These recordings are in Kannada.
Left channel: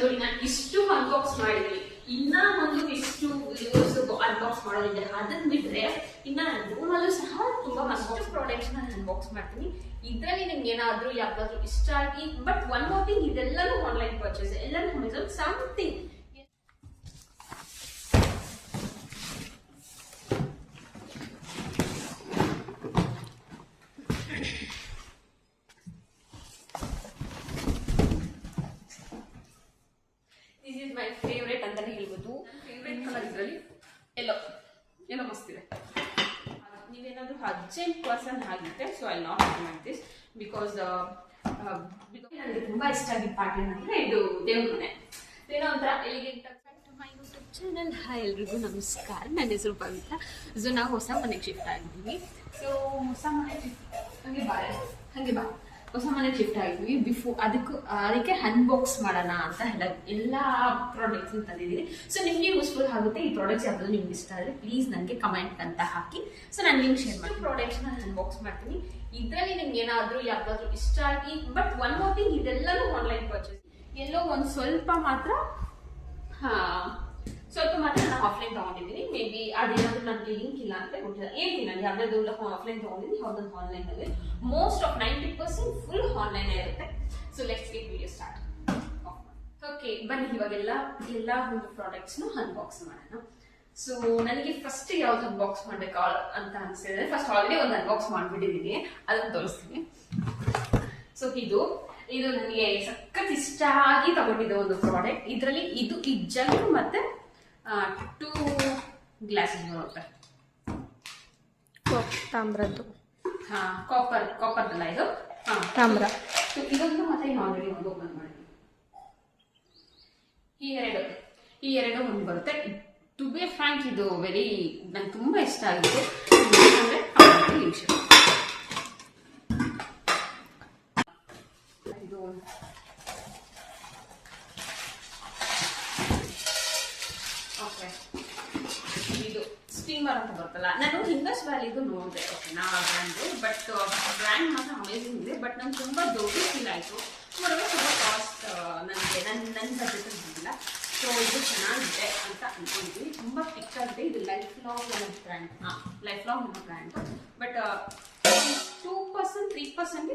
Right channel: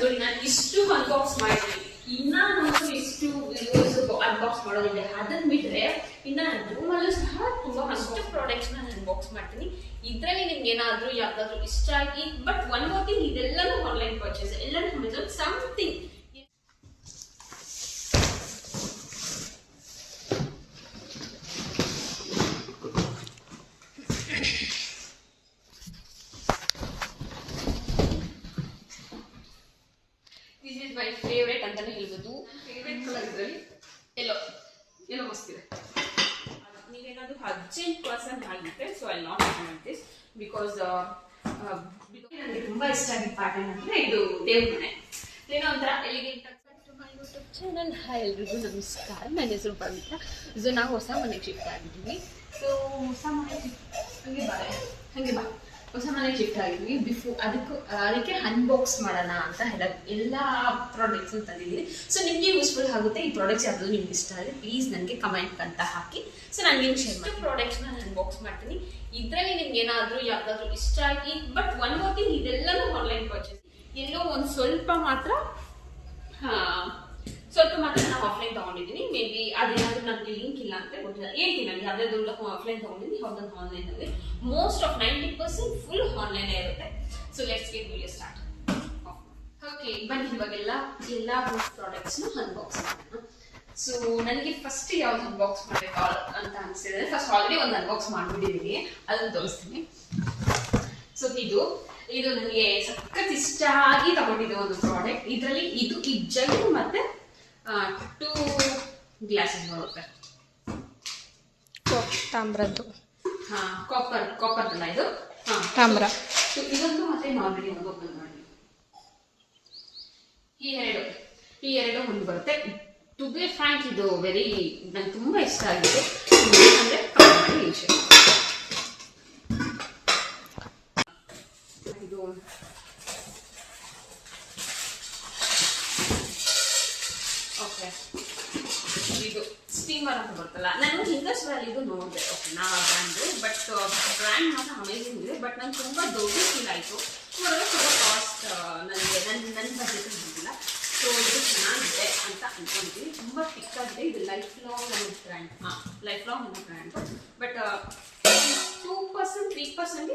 ನೋಡಿ ನಾನು ಇಷ್ಟು ಅನ್ಬಾಕ್ಸ್ ಮಾಡಿದ್ವಿ, ಇನ್ನ ಒಂದು ಇಷ್ಟು ಅನ್ಬಾಕ್ಸ್ ಮಾಡೋದಿದೆ. ಅದನ್ನ ಬಿಟ್ರೆ ಇನ್ನ ರೂಮಲ್ಲೂ ಸಹ ತುಂಬಾ ಅಷ್ಟು ಪ್ರಾಡಕ್ಟ್ಸ್ ನಾನು ಅನ್ಬಾಕ್ಸ್ ಮಾಡ್ತೀನಿ. ಇದ್ರಲ್ಲಿ ನಿಮ್ಗೆ ಏನಾದ್ರೂ ಯಾವ್ದಾದ್ರು ಇಷ್ಟ ಆಗಿ, ಬಟ್ ಒನ್ ಮೋರ್ ಥಿಂಗ್, ಇದೆಲ್ಲನೂ ಆನ್ಲೈನ್ ಪರ್ಚೇಸ್, ಎಲ್ಲನೂ Amazon something. This is my favourite ಅಂತಾನೆ ಹೇಳ್ಬೋದು. ಫೇವ್ರೇಟ್ ಕಲರ್ ಇದರಲ್ಲಿ ಎಲ್ಲೋ ಮಸ್ತಿದೆ. ನೀವೇನಾದ್ರೂ ಅರ್ಜೆಂಟ್ ಪರ್ಸನ್ ಆಗಿದ್ರೆ, so I not recommend this because ನನಗೆ ತುಂಬಾ ಇಷ್ಟ ಆಗಿದ್ದ ಪಾರ್ಟ್ ಏನಂದ್ರೆ ಇದು ದೇವ್ರ ಮನೆ. ಏನೋ ಒಂಥರ elegant my YouTube channel. Hi ಎಲ್ರಿಗೂ ನಮಸ್ಕಾರ, ನನ್ನ ಹೆಸರು ಪವಿತ್ರ. ಸೊ ನಾವು ಹೊಸ ಮನೆಗೆ ಶಿಫ್ಟ್ ಆಗಿದ್ದೀವಿ. ಸೊ ಹೊಸ ಮನೆ ಹಂಗೆ ಬಾ ಹೊಸ ಮನೆಗೆ ಶಿಫ್ಟ್ ಆಗಿದ್ವಿ. ಅದಕ್ಕೆ ಅನ್ಬಾಕ್ಸ್ ಮಾಡೋಣ ಅಂತ ಎಲ್ಲ ಪ್ರಾಡಕ್ಟ್ಸ್ ತಂದಿದ್ದೀನಿ. ಸೊ ನಿಮಗೆ ಯೂಸ್ಫುಲ್ ಆಗುತ್ತೆ. ಈ ಪ್ರಾಡಕ್ಟ್ಸ್ ಯಾವುದು ನಿಮ್ಗೆ ಇಷ್ಟ ಆದರೆ ಪ್ಲೀಸ್ ನನಗೆ ಕಮೆಂಟ್ ಅಂತ ಹಾಕಿ. ಸೊ ನಾನು ನಿಮ್ಗೆ ಶೇರ್ ಮಾಡಿ ಪ್ರಾಡಕ್ಟ್ಸ್ನ ನಾನು ಅನ್ಬಾಕ್ಸ್ ಮಾಡ್ತೀನಿ. ಇದರಲ್ಲಿ ನಿಮ್ಗೆ ಏನಾದರೂ ಯಾವ್ದಾದ್ರು ಇಷ್ಟ ಆಗಿ, ಬಟ್ ಒನ್ ಮೋರ್ ಥಿಂಗ್, ಇದೆಲ್ಲನೂ ಆನ್ಲೈನ್ ಪರ್ಚೇಸ್. ಎಲ್ಲೋ ಒಂದು ಸ್ವಲ್ಪ ಮಾತ್ರ ನಾನು ಆಫ್ಲೈನ್ ತಗೊಂಡಿದ್ದೀನಿ. ಮೇ ಬಿ ಅದೇನಾದ್ರೂ ನನಗೆ ಲಿಂಕ್ ಇಲ್ಲ ಅಂತ ಗೊತ್ತಿಲ್ಲ. ಹೇಳ್ತೀನಿ ನಾನು ಯಾವ್ದಾದ್ರು ಆಫ್ಲೈನ್ ತಗೊಂಡಿದ್ದೀನಿ, ಯಾವ್ದೊಂದು ಆನ್ಲೈನ್ ಅಲ್ಲಿ. ಮೋಸ್ಟ್ ಆಫ್ 90% ಫುಲ್ ಆನ್ಲೈನ್ ಇರುತ್ತೆ. So let's get video start. Okay, ಬನ್ನಿ ಇವಾಗೆಲ್ಲ ಪ್ರಾಡಕ್ಟ್ಸ್ ನ ಅನ್ಬಾಕ್ಸ್ ಮಾಡೋಣ. ಸೊ ನನಗೆ ಫಸ್ಟ್ ಯಾವ್ದು ಅನ್ಬಾಕ್ಸ್ ಮಾಡ್ಬೇಕು ಅಂತ ಅನ್ಸಿದ್ರೆ, ಫಸ್ಟ್ ಆಲ್ರೆಡಿ ಒಂದು ಅನ್ಬಾಕ್ಸ್ ಮಾಡ್ಬಿಟ್ಟಿದ್ದೀನಿ, ಅದನ್ನ ತೋರಿಸ್ತೀನಿ. ಸೊ ಇದು ನನಗೆ ಸಖತ್ ಇಷ್ಟ ಆಗಿ ತಗೊಂಡಿದ್ದೆ ಒಂದು ಪ್ರಾಡಕ್ಟ್. ಇದರಲ್ಲಿ ಈ ಜಗ್ ಮತ್ತೆ 2 ಗ್ಲಾಸಸ್ ಬರುತ್ತೆ. ತಾಮ್ರದ್ದು, ಕಾಪರ್ದಲ್ಲ ಇದು, ತಾಮ್ರ. ಇದೊಂದು ಮತ್ತೆ ಆಲ್ರೆಡಿ ಒಂದು ಓಪನ್ ಮಾಡಿ. ಈ ಎರಡು ಒಂದು ಬರುತ್ತೆ. ಟು ಬಿ ಫ್ರಾಂಕ್, ಇದು ನಂಗೆ ತುಂಬಾ ಇಷ್ಟ ಆಗಿದೆ. ಇದು ಓಕೆ, ಇದು ಸ್ಟೀಮರ್ ಅಂತ ಬರ್ತಲ್ಲ. ನಾನು ಇಂಡಸ್ ವ್ಯಾಲಿದು ನೋಡಿದೆ, ಓಕೆ, ನಾವು ಆ ಬ್ರ್ಯಾಂಡು, ಬಟ್ ಬ್ರ್ಯಾಂಡ್ ಮಾತ್ರ ಅಮೇಜಿಂಗ್ ಇದೆ. ಬಟ್ ನಂಗೆ ತುಂಬ ದೊಡ್ಡ ಫೀಲ್ ಆಯಿತು. ನೋಡಿದ್ರೆ ತುಂಬ ಕಾಸ್ಟ್ ನನಗೆ ನನ್ನ ಬಜೆಟ್ ಬಂದಿಲ್ಲ. ಸೊ ಇದು ಚೆನ್ನಾಗಿದೆ ಅಂತ ಅಂದ್ಕೊಂಡಿದ್ದೀನಿ. ತುಂಬ ತಿಕ್ಕಾಗಿದೆ. ಇದು ಲೈಫ್ ಲಾಂಗ್ ಅನ್ನೋ ಬ್ರ್ಯಾಂಡ್, ಬಟ್ 2% 3%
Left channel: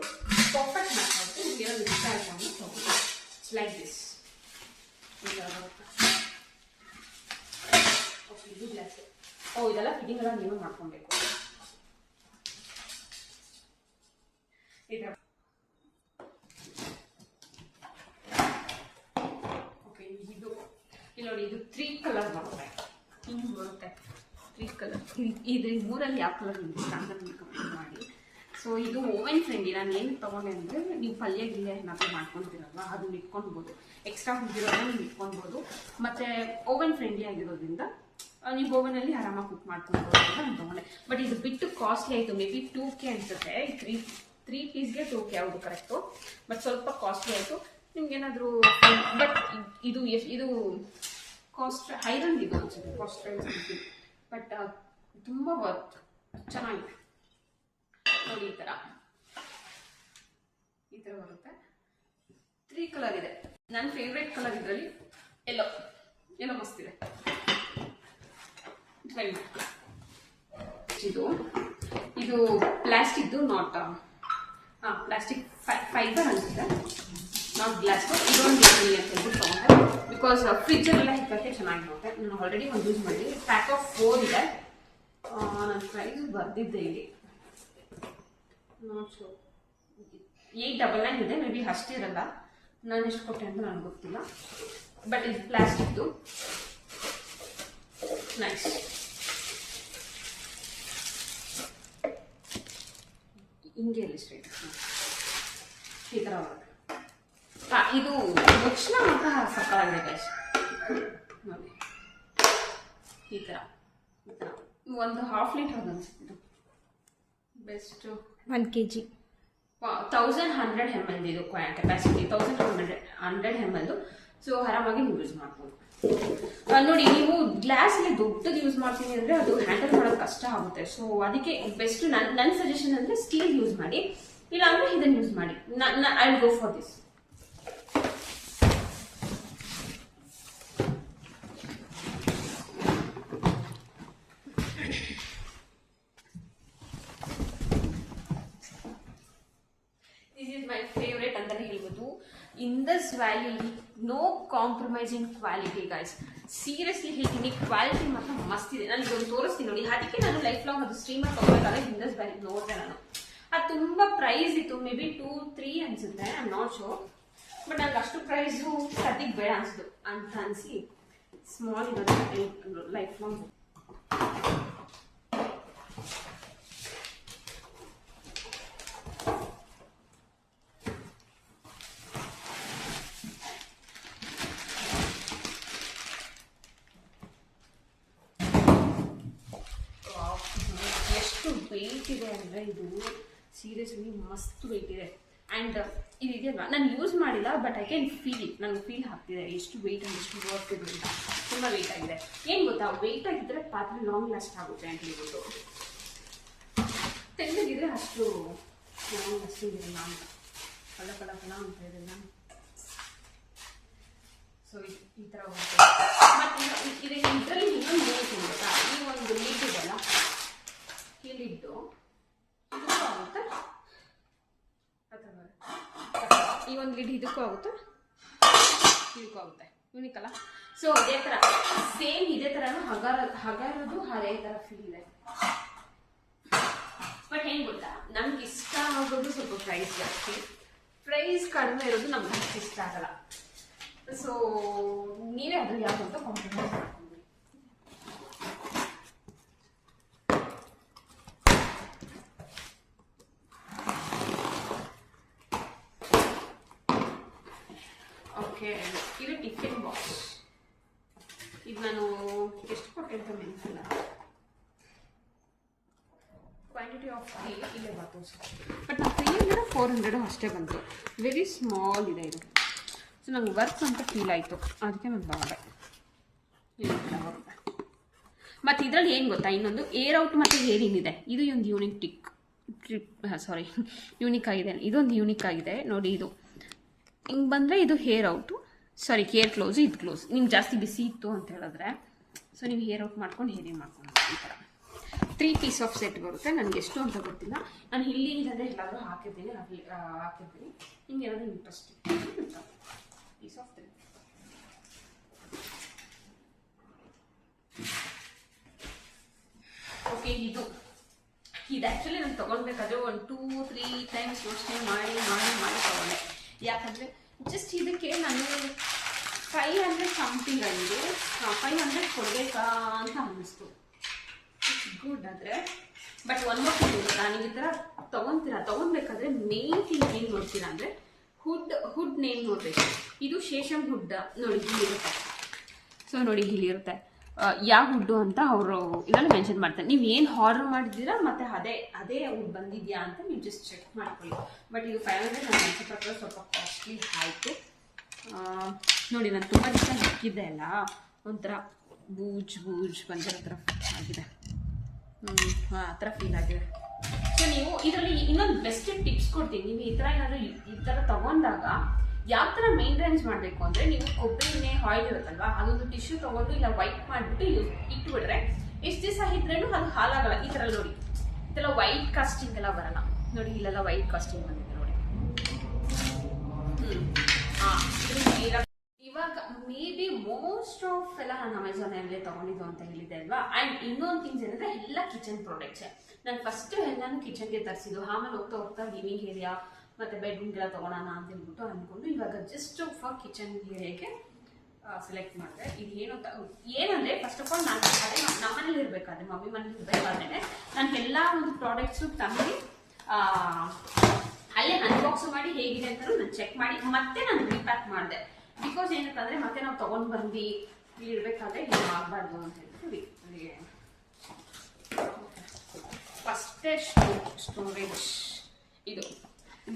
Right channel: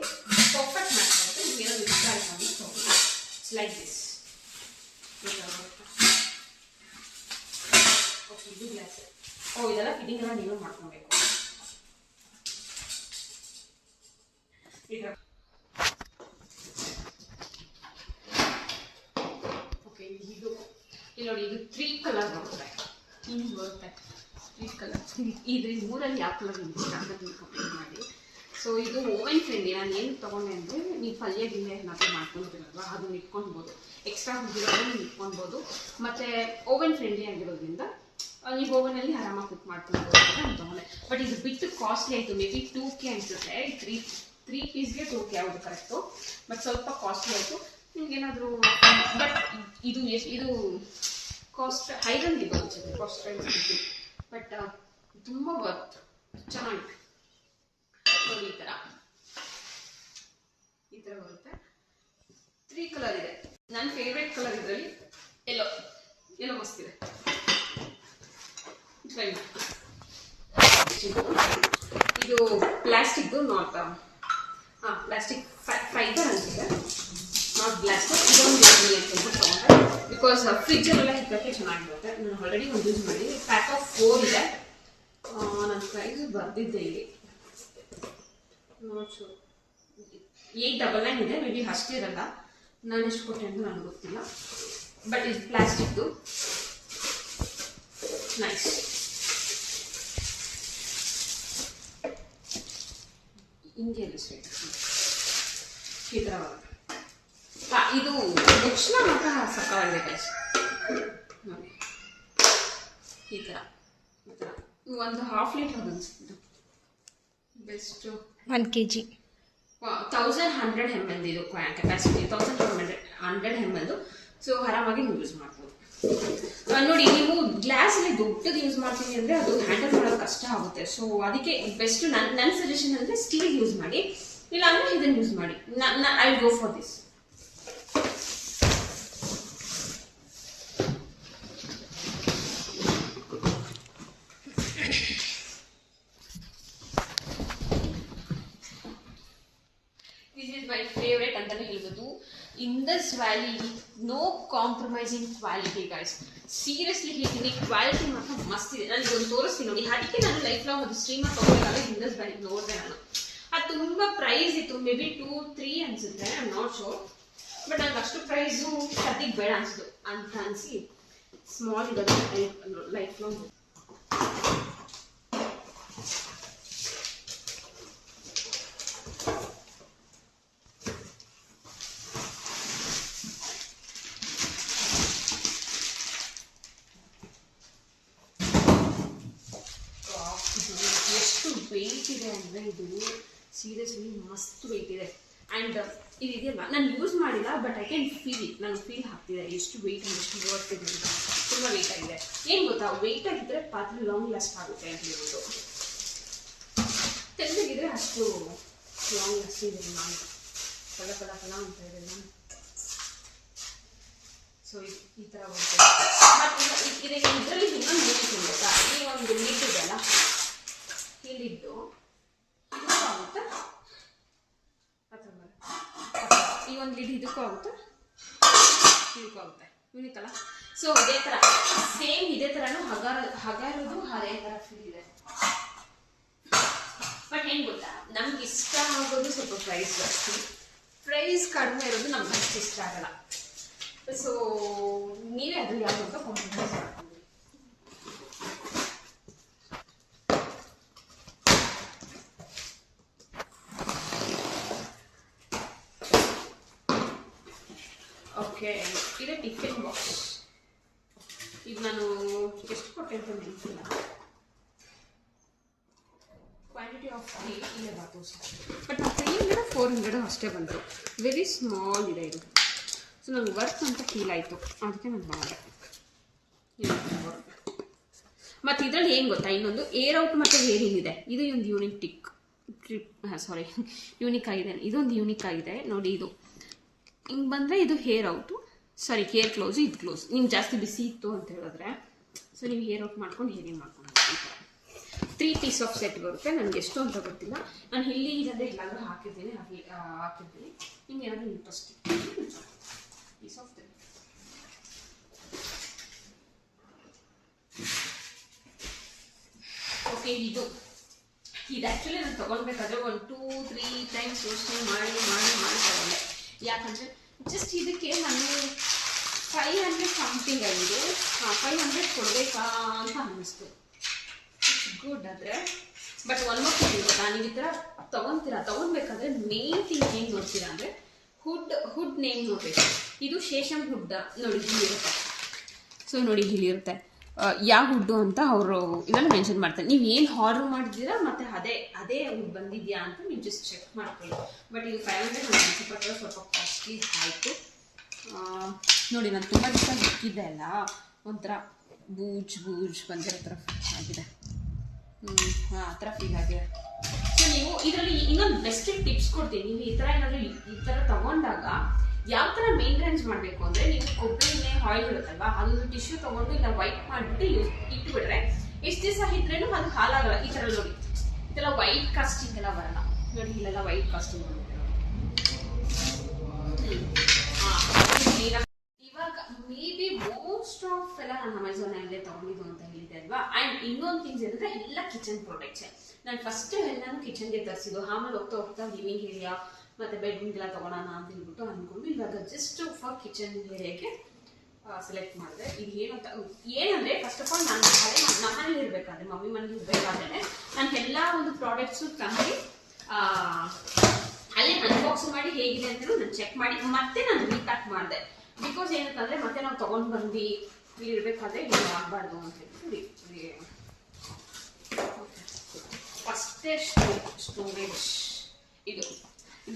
ಪರ್ಫೆಕ್ಟ್ ಮಾಡ್ತಾ ಇರುತ್ತೆ. ಏನೋ ಇಷ್ಟ ಆಯ್ತು ಅಂತ ತಗೊಂಡು ಇಟ್ಸ್ ಲೈಕ್ ದಿಸ್. ಓಕೆ, ಇದು ಗ್ಲಾಸ್. ಇದೆಲ್ಲ ಫಿಟ್ಟಿಂಗ್ ಎಲ್ಲ ನೀವು ಮಾಡ್ಕೊಬೇಕು. ಓಕೆ, ಇದು ನೋಡಿ, ಇದು 3 ಕಲರ್ ಬರುತ್ತೆ. ಹಿಂಗೆ ಬರುತ್ತೆ 3 ಕಲರ್. ಇದ್ರ 3ರಲ್ಲಿ ಯಾವ ಕಲರ್ ನಿಮ್ಗೆ ಇಷ್ಟ ಅಂತ ತಿಳ್ಕೊಂಡು ಮಾಡಿ. ಸೊ ಇದು ಓವನ್ ಫ್ರೆಂಡ್ಲಿ. ನಾನು ಏನು ತೊಗೊಂಡೆ ಅಂದರೆ, ನೀವು ಪಲ್ಯ ಏನಾದರೂ ಮಾಡ್ಕೊಳ್ತೀರಲ್ವ, ಅದನ್ನ ಇಟ್ಕೊಳ್ಬೋದು. ಎಕ್ಸ್ಟ್ರಾ ಹುಟ್ಟಿರೋದನ್ನ ನೀವು ಇಟ್ಕೊಳ್ಬೋದು. ಮತ್ತು ಓವನ್ ಫ್ರೆಂಡ್ಲಿ ಆಗಿರೋದ್ರಿಂದ ನೀವು ಓವನಲ್ಲಿ ಆರಾಮಾಗಿ ಕುಕ್ ಮಾಡ್ಕೊಳ್ಬೋದು ಅಂತ ನಾನು ತೊಗೊಂಡೆ. ಬಟ್ ಇದು ಬಿಟ್ಟು ಕಾಸ್ಟ್ಲಿ ಆಯಿತು. ಮೇ ಬಿ 2K ಅನಿಸುತ್ತೆ. 3 ಪೀಸ್ಗೆ 2K ಯಾವುದು ಕರೆಕ್ಟು, ಬಟ್ ಸ್ವಲ್ಪ ಕಾಸ್ಟ್ಲಿ ಆಯಿತು. ನಿಮ್ಗೇನಾದರೂ ಬಟ್ ಇದು ಕಾಸ್ಟ್ ಹೈರಂಗ್ ಇದು ಅನ್ಸುತ್ತೆ, ಕಾಸ್ಟ್ ಬಟ್ ತುಂಬ ವರ್ತ್, ಚೆನ್ನಾಗಿದೆ. ನೋಡಿ, ಈ ಥರ ಬರುತ್ತೆ. 3 ಕಲರ್ ಇದೆ. ನನ್ನ ಫೇವ್ರೇಟ್ ಕಲರ್ ಇದರಲ್ಲಿ ಎಲ್ಲೋ ಮಸ್ತಿದೆ. ಟ್ರೈ ಮಾಡಿ. ಇದು ಪ್ಲಾಸ್ಟಿಕ್ದು, ನಾಟ್ ಪ್ಲಾಸ್ಟಿಕ್ ಫೈಬರ್ ಅನ್ಸುತ್ತೆ, ನಾಟ್ ಗ್ಲಾಸ್. ಇದೊಂದು ಅಂತ ಹೇಳ್ಬಿಟ್ಟು ತಗೊಂಡೆ ಬಿಕಾಸ್ ಫ್ರಿಜ್ಜಲ್ಲೆಲ್ಲ ಇಕ್ಕಕ್ಕೆ ಚೆನ್ನಾಗಿರುತ್ತೆ. ನಾನು ಆಲ್ರೆಡಿ ಒಂದು ಯೂಸ್ ಮಾಡಿ. ಪ್ಯಾಕ್ ಆಫ್ 4 ಇದೆ. ನನ್ನ ಪ್ರೈಸ್ ಬರ್ದಿದ್ದೆ ಇಲ್ಲಿ, ನೋಟ್ ಶೋ 899 ಇದೆ. ಮೇ ಬಿ ಅಷ್ಟಿರಲ್ಲ, ನಾನು ಎಷ್ಟು ಕೊಟ್ಟೆ ಅಂತ ನನಗೆ ಗೊತ್ತಿಲ್ಲ. ಬಟ್ ಇದು ಪ್ಲಾಸ್ಟಿಕ್ದು, ನೈಸ್. ಹಿಂಗೆ ಸ್ಟ್ರೈಟ್ ಈ ಥರ ಬರುತ್ತೆ. ಇದು ಮುಚ್ಚಳ ಮಾತ್ರ ಸಕ್ಕತ್ತಾಗಿದೆ ಗೈಸ್. ನೋಡಿ, ಈ ಥರ ಒಂದು 1/2 ಲೀಟರ್ ಅನಿಸುತ್ತೆ. ಬೆಸ್ಟ್ 1 kg 1100 ml ಇದು ಕೆಪಾಸಿಟಿ. 1100 ml. ಸೊ ಆರಾಮಾಗಿ ನೀವು ಯೂಸ್ ಮಾಡ್ಬೋದು. ನೋಡಿ, ನೀವು ಗ್ಲಾಸಲ್ಲಿ ದೊಡ್ಡದು ಯೂಸ್ ಮಾಡ್ತೀನಿ ಅಂದರೆ ಅದು ಹ್ಯಾಂಡಲ್ ಮಾಡೋದು ಕಷ್ಟ ಆಗುತ್ತೆ. ಸೊ ಅದಕ್ಕೆ ಬೆಸ್ಟ್ ನನ್ನ ಸಜೆಷನ್ ಅಂದರೆ ಸ್ಟೀಲ್ ಯೂಸ್ ಮಾಡಿ, ಇಲ್ಲ ಅಂದರೆ ಇದನ್ನು ಯೂಸ್ ಮಾಡಿ. I will go for this. Indus Valley no compromise in quality guys. Seriously ಹೇಳ್ತೀನಿ, ಕ್ವಾಲಿಟಿ ಮಾತ್ರ ಮಸ್ತ್ ಇದೆ. ನನಗೆ ಒಂದು ತೋರಿಸ್ತೀನಿ ನೋಡಿ. ಅದಕ್ಕೆ ನಾನು ಲೈಫ್ ಲಾಂಗ್ ಅದು ಸ್ಟ್ರೀಮರ್ ತಗೋಬೇಕಾದ್ರೆ ಇಂಡಸ್ ವ್ಯಾಲಿ ನೋಡಿದೆ ನಾನು. ಅದು ತುಂಬ ಪ್ರೈಸ್ ಇತ್ತು, ಮೇ ಬಿ 2-3 ಅನ್ಸುತ್ತೆ, I am not sure. But ನನಗೆ ಅಷ್ಟು ಪ್ರೈಸು ಸದ್ಯಕ್ಕೆ ಬೇಡ ಅನಿಸ್ತು ಅಂತ ಅನಿಸಿ ಸ್ಮಾಲ್ ಇರೋದು ಲೈಫ್ ಲಾಂಗ್. ಎಷ್ಟು ವೆಯ್ಟ್ ಇದೆ ಅಂದರೆ ಇದು ಸೀರಿಯಸ್ಲಿ ಮಸ್ತ್ ವೆಯ್ಟ್ ಇದೆ. ಆ್ಯಂಡ್ ಇದು ಇದೆಯಲ್ಲ, ನಾನು ಯೂಸ್ ಮಾಡಿಲ್ಲ, ಬಟ್ ಐ ಕ್ಯಾನ್ ಫೀಲ್, ನನಗೆ ಫೀಲ್ ಆಗ್ತಿದೆ ಎಷ್ಟು ವೆಯ್ಟ್ ಅಂದರೆ ಎಷ್ಟು ವರ್ತ್ ಇದೆ ಅಂತ. ತುಂಬ ವೆಯ್ಟ್ ಆಗಿದೆ. ಏನು ಗೊತ್ತಾ, ವೆಯ್ಟ್ ಆಗಿದ್ದರೆ ಪಾತ್ರೆ ಲಾಂಗ್ ಲಾಸ್ಟ್ ಆಗುತ್ತೆ ಅಂತ ಹೇಳ್ಬೋದು. ತೆಳ್ಳಗಿದ್ರೆ ಅಷ್ಟು ಲಾಂಗ್ ಲಾಸ್ಟಿಂಗ್ ಇರಲ್ಲ ಅಂತ. ಕಲ ಅಂತ ಇದೆಲ್ಲ. ಸೊ ಈ ಥರ ಬರುತ್ತೆ. ಮತ್ತು ಇದರಲ್ಲಿ ಇನ್ನೊಂದು ಯೂಸ್ ಗೊತ್ತಾ, ಈ ಒಂದು ಲಿಡ್ ಇದೆಲ್ಲ, ಈ ಲಿಡ್ಡು ಇದಕ್ಕೂ ಆಗುತ್ತೆ, ಈ ಒಂದು ಲಿಡ್ ಇದಕ್ಕೂ ಆಗುತ್ತೆ, ಇದಕ್ಕೂ ಆಗುತ್ತೆ. ಯೂನಿಕ್ ಅಲ್ಲ. ಸೊ ಅದೇ ಥರ ಸೇಮ್ ಇದೇ ಥರನೂ ಹಗ ಇರೋದು ಅದೇ ಥರ ಫೀಲ್ ಇದೆ. ಬಟ್ ಏನು ಗೊತ್ತಾ, ನಮ್ಗೆ ಇಷ್ಟ ಆಗೋದು ಸ್ವಲ್ಪ ಪ್ರೈಸ್ ಜಾಸ್ತಿ, ಪ್ರೈಸ್ ಕಡಿಮೆ ಇರೋದು ನಮ್ಗೆ ಅಷ್ಟು ಇಷ್ಟ ಆಗಲ್ಲ. ಸೊ ನೀವೇ ಅದು ಯಾವುದು ಅಂತ ಕಾಂಪ್ರಮೈಸ್ ಮಾಡ್ಕೊಂಡ್ರಿ. ಓಕೆ, ಇದು ಟಿಫಿನ್ ಬಾಕ್ಸ್. ಇದು ನಾನು ಎಷ್ಟು ಕೊಟ್ಟೆ ಅಂತ ನೆನಪಿಲ್ಲ. ಕ್ವಾಂಟಿಟಿ ಆಫ್ ಇಲ್ಲೇ ಬಂತು, ಬಟ್ ನಾವು 300-400 ಅಷ್ಟೇ ಬಂತು. ವೆರಿ ಸ್ಮಾಲ್ ಇದೆ ಇದು. ಸೊ ನಂಗೆ ವರ್ಕ್ ಅಂತ ಫೀಲ್ ಆಯಿತು, ಅದಕ್ಕೆ ನಾನು ತಗೊಂಡೆ. ಮತ್ತು ಇದರಲ್ಲಿ ಏನು ಗೊತ್ತಾ, ಇನ್ನೊಂದು ಏರ್ ಔಟ್ ಮತ್ತು ಏರ್ ಇನ್ ಇದೆ. ಇದು ಒಂದು ಯೂನಿಕ್ ಆಗಿದೆ. ಇದೊಂದು ಯೂನಿಕ್ ಆಗಿದೆ ನೋಡಿ. ಇದು ಹಿಂಗೆ ಬಂದರೆ ಇದು ಹೇರ್ ಔಟು, ಹೇರ್ ಕ್ಲೋಸು, ಇದು ಕ್ಲೋಸ್. ನಿಮ್ಗೆ ಜಾಸ್ತಿ ಬಿಸಿ ಇತ್ತು ಅಂತ ಹೇಳಿದ್ರೆ ಸೊ ನೀವು ಹೇರ್ ಔಟ್ ಮಾಡ್ಕೊಂಡು ಹೇರಿಂಗ್ ಮಾಡ್ಕೊಂಡು ಈ ಥರ 3 ಪೀಸ್ ಆಫ್ ಸೆಟ್ ಬರುತ್ತೆ. ನನಗೆ ಎಷ್ಟು ಅಂತ ಗೊತ್ತಿಲ್ಲ, ನಾನು ಇಲ್ಲಿ ಇಲ್ಲದೆ ಎಲ್ಲಾದರೂ ಹಾಕಿರ್ತೀನಿ. ನಿಮ್ಗೆ ಏನಾದರೂ ಇಂಟ್ರೆಸ್ಟ್ ಪೀಸ್ ಆಫ್ ಓಕೆ. ಇದು ಆ್ಯಕ್ಚುಲಿ ನಾನು ತೊಗೊಳ್ಬೇಕಾದ್ರೆ 1-2-3 ಟೈಮ್ಸ್ ಯೋಚನೆ ಮಾಡಿ ತೊಗೊಂಡೆ. ಯಾಕಂದರೆ ಜಸ್ಟ್ ಇದಕ್ಕೆ ನಾನು 500 ಸಮಥಿಂಗ್ ಆಗಿದೆ, 500 ಕೊಡಬೇಕಾ ಅಂತ ಅನ್ನಿಸ್ತು. ಗುಡ್ ಆದರೆ ಬಟ್ ಒಂದು ಗೊತ್ತಾ, ನೀವು ಈ ಥರ ತೊಗೊಳ್ಬೇಕಾದ್ರೆ ಮೇನ್ ಥಿಂಗ್ ಏನು ನೋಡ್ತೀರಾ ಅಂದರೆ ಹುಡ್ ನೇಮ್ ನೋಡಬೇಕು. ಇದು ಶೇಷಮ್ ಹುಡ್ ನೋಡಿ, ಇಲ್ಲಿರುತ್ತೆ. ಸೊ ನೋಡಿ ಇಲ್ಲಿರುತ್ತೆ ಯಾವ ಹುಡ್ಡು ಅಂತ ಅವರು ಇವೆಲ್ಲ ಮೆನ್ಷನ್ ಮಾಡ್ತಾರೆ. ನೀವು ಏನು ಆರ್ಡರ್ ಮಾಡಿದ್ದೀರಾ ಮತ್ತು ಅದೇ ಹುಡ್ ಬಂದಿದೆಯಾ ಅಂತ ನೀವು ಜಸ್ಟ್ ಚೆಕ್ ಮಾಡ್ಕೊಳ್ಳಿ. ಬಟ್ ಇದು 500 ನನ್ನ ಅನಿಸೋ ಪ್ರಕಾರ ಸ್ವಲ್ಪ ಕಾಸ್ಟ್ಲಿ ಆಯಿತು. ನೋಡಿ ನಾನು ತುಂಬ ದಿವಸ ಇಕ್ಕಿದ್ದೆ ಅಲ್ಲ, ಒಂಥರ ಬೂಜ್ ಬಂದಿರೋ ಥರ ಆಗಿದೆ. ಆ ಥರ ಫೀಲ್ ಆಗಿದೆ. ಸೊ ನೀವು ಇದರಲ್ಲಿ ಇನ್ನೊಂದು ಬೆಸ್ಟ್ ಟಿಪ್ಸ್ ಕೊಡ್ತೀನಿ. ನೀವು ಈ ಥರ ತೊಗೊಂಡಾಗ ಯಾವ ಥರ ಮೇಂಟೆನೆನ್ಸ್ ಮಾಡಬೇಕು ಅಂದರೆ, ನೀವು ಕೊಬ್ಬರಿ ಎಣ್ಣೆ ಆಯಿಲ್ ಇರುತ್ತಲ್ವಾ, ಅದೊಂದು ಟಿಶ್ಯೂ ತೊಗೊಂಡು ಇಲ್ಲ ವೈಟ್ ಮಾಡಿಬಿಟ್ಟು ಇಟ್ಬಿಟ್ರೆ ಎಷ್ಟು ದಿವಸ ಇದ್ರೇನು ಅದು ಹಾಲಾಗಲ್ಲ. ಈ ಥರ ನೋಡಿ, ಇದೆಲ್ಲ ವೈಟ್ ಕಾಸ್ಟಿಂಗ್ ಎಲ್ಲ ಬರಲ್ಲ ನೋಡಿ. ಇಲ್ಲೆಲ್ಲ ವೈಟ್ ಕಾಸ್ಟಿಂಗ್ ಬಂದಿದೆ ನೋಡಿ. ಇವಾಗ ಮೇ ಬಿ ಮೋಸ್ಟ್ ಆಫ್ ಎಲ್ಲ ನಾನು ಅಮೆಝಾನಲ್ಲೇ ತೊಗೊಂಡಿದ್ದು ಅಂತ ಹೇಳಿದ್ದೆ ಅಲ್ವಾ. ಆ್ಯಂಡ್ ಇನ್ನೊಂದು ಥಿಂಗ್ಸ್ ಏನಂದರೆ ಎಲ್ಲ ಕಿಚನ್ ಪ್ರಾಡಕ್ಟ್ಸೇ. ನಾನು ಫಸ್ಟ್ ಎಲ್ಲಾನು ಕಿಚನ್ಗೆ ತರಿಸಿದ್ದು, ಆಮೇಲೆ ಹೋಗ್ತಾ ಲಿವಿಂಗ್ ಏರಿಯಾ ಮತ್ತು ಬೆಡ್ರೂಮ್ಗೆಲ್ಲ ತೊಗೊಳೋಣ ಅಂತ ಹೇಳ್ಬಿಟ್ಟು ಅಂದ್ಕೊಂಡು ಇವಾಗ ಜಸ್ಟ್ ಫಾರ್ ಕಿಚನ್ ಏರಿಯಾಗೆ ಸೆಲೆಕ್ಟ್ ಮಾಡಿದೆ. ಇದು ಏನಂದರೆ ಫಸ್ಟ್ ಆಫ್ ಆಲ್ ನಾನು ನಮ್ಮನೇಲಿ ಇರಬೇಕಾದ್ರೆ, ಮಮ್ಮಿ ಮನೇಲಿ ಇರಬೇಕಾದ್ರೆ ನಾನು ಎಲ್ಲ ಒಂದು ಪ್ರಾಡಕ್ಟ್ಸು ತಂದು ಅಲ್ಲೇ ಅನ್ಬಾಕ್ಸ್ ಮಾಡಿ ಹೇಗಿದೆ ಅಂತಲೂ ನಾನು ಚೆಕ್ ಮಾಡಿ ಮತ್ತೆ ನಾನು ರೀಪ್ಯಾಕ್ ಮಾಡಿದೆ. ಬಿಕಾಸ್ ಏನಂತಂದರೆ ಮತ್ತೆ ನಾವು ತೊಗೊಂಡು ಬಂದು ಇಲ್ಲಿ ಇರಬೇಕಾದ್ರೆ ಇದು ಆಗಬಾರ್ದು ಅಂತ ಹೇಳ್ಬಿಟ್ಟು ಫಸ್ಟೇ ಸ್ಟೋರೇಜ್ ಇದು